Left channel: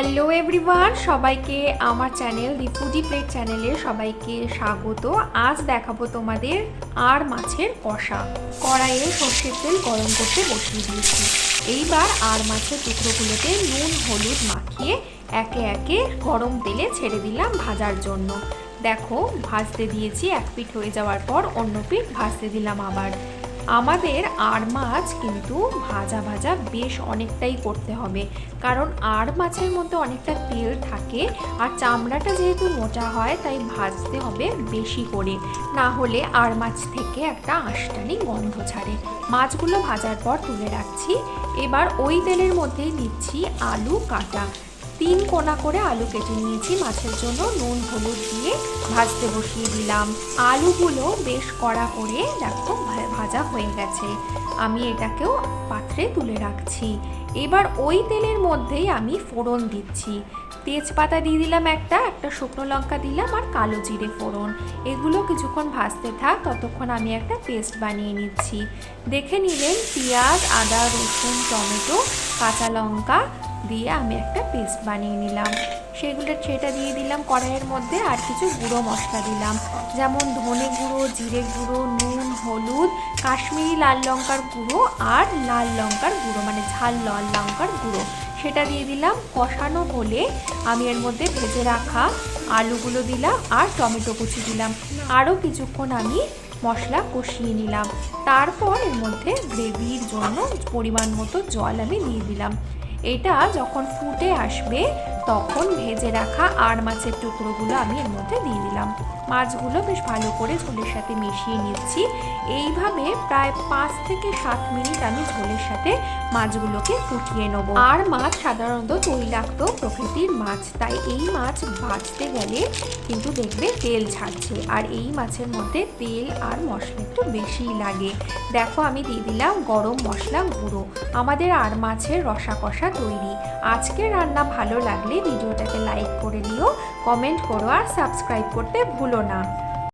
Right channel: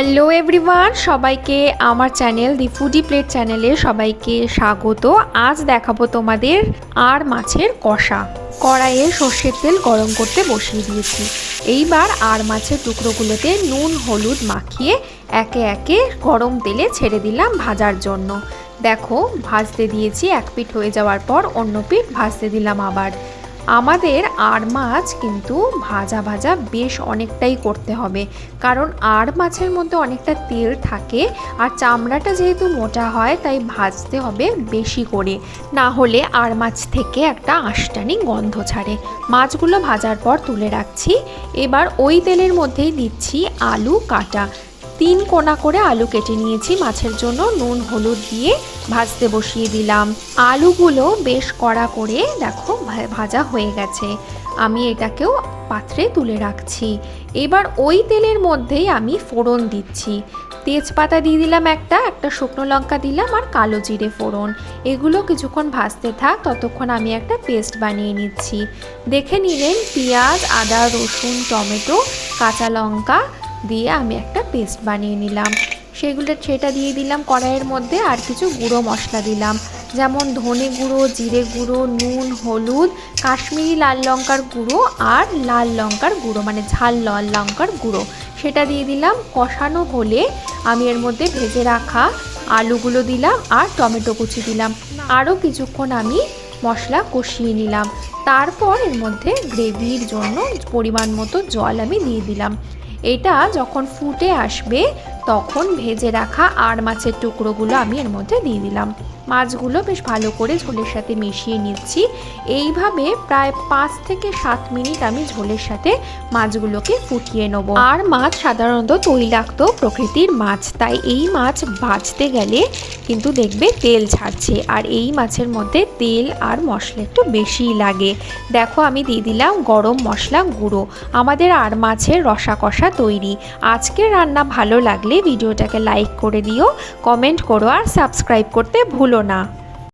Hello everyone, সবাইকে আমার channel দি foodie plate চ্যানেলে সবাইকে স্বাগত। আজ দেখাবো তোমাদের আর মাছের কষা। কড়াইয়ে সর্ষের তেল গরম করতে বসিয়ে দিয়েছি। এইবার আর মাছের টুকরোগুলোতে নুন, হলুদ মাখিয়ে একে একে গরম তেলে ছেড়ে দিলাম ভাজার জন্য। দেখো, ভাজতে দিয়েছি, এক পিঠ হয়ে যাওয়ার পর অন্য পিঠ ভাজতে দিলাম আবার। আমাদের আর মাছ কিন্তু ভাজা ভাজা বেশ অনেকটাই করতে হবে। কারণ আর মাছের মধ্যে অনেকটা তেল থাকে আর চামড়াটা যেহেতু মোটা হয়, তাই ভাজতে হবে বেশি করে। না হলে আর মাছ থেকে একটা আষ্টানি গন্ধ ছাড়ে। মাছগুলো ভাজার পর তুলে রাখছি। এবার ওই তেলের মধ্যেই দিচ্ছি আলু কাটা। তিন কোনা করে আলু কেটে নিয়েছি। মাছের জন্য নুন, হলুদ দিয়ে ভাজতে বসিয়ে দিলাম। আলুগুলো বেশ কড়া করে দেখো ভাজা হয়ে গেছে। আমি এটাকেও পাত্রে তুলে রাখছি। এবার ওই তেলের মধ্যেই আমি ফোড়ন দিচ্ছি। তেজপাতা দিয়ে দিলাম একটা একটা শুকনো লঙ্কা দিলাম আর কালো জিরে ফোড়ন। এগুলো কিছুক্ষণ ভাজতে থাক, ততক্ষণ আমি একটা পেস্ট বানিয়ে নিচ্ছি। দেখে নিলেন পেঁয়াজ, আদা, রসুন, টমেটো, কাঁচা লঙ্কা দিয়ে আমি একটা পেস্ট বানিয়ে নিলাম। সেগুলো সেটা দিয়ে দিলাম কড়াইয়ের মধ্যে আর কিছু গুঁড়ো মশলা দিলাম। যেমন ধনে গুঁড়ো, জিরে গুঁড়ো, নুন, হলুদ, কাশ্মীরি লাল লঙ্কার গুঁড়ো আর লাল লঙ্কার গুঁড়ো মানে ঝাল লাল লঙ্কার গুঁড়ো। সেটা দিয়ে দিলাম কষানো হলে আমি এর মধ্যে ভেজে রাখা আলুগুলো দিলাম আর টমেটো কুচি দিলাম। আরও কিছুক্ষণ আমি মশলা কষিয়ে নিলাম। তারপর এর মধ্যে গ্রেভির জন্য পরিমাণ মতো জল আমি দিয়ে দিলাম। এটা যখন ফুটে আসবে, তখন ভেজে রাখা আর মাছের টুকরোগুলো আমি এর মধ্যে দিয়ে দিলাম। মাছগুলো বেশ ভালো করে ঝোলের সাথে মিশিয়ে নিচ্ছি। এইভাবে প্রায় পাঁচ থেকে সাত মিনিট আমি ঝোলের সাথে মাছগুলোকে ফুটিয়ে নেব। আর মাছ সাধারণত তৈলাক্ত প্রকৃতির মাছ, তাই এই মাছ ভাজতে গেলে কিন্তু দেখবে তেল ছাড়ছে। আর এই মাছের মধ্যে তেল আর মশলা একটু বেশিই লাগে। দেখো আমি দিয়ে দিলাম গরম মশলা গুঁড়ো। আমাদের আর মাছের রসা কষা তৈরি। আজকের রান্না ভালো লাগলে ভিডিওটাকে লাইক করে দিও, কমেন্ট করো আর সাবস্ক্রাইব করতে ভুলো না।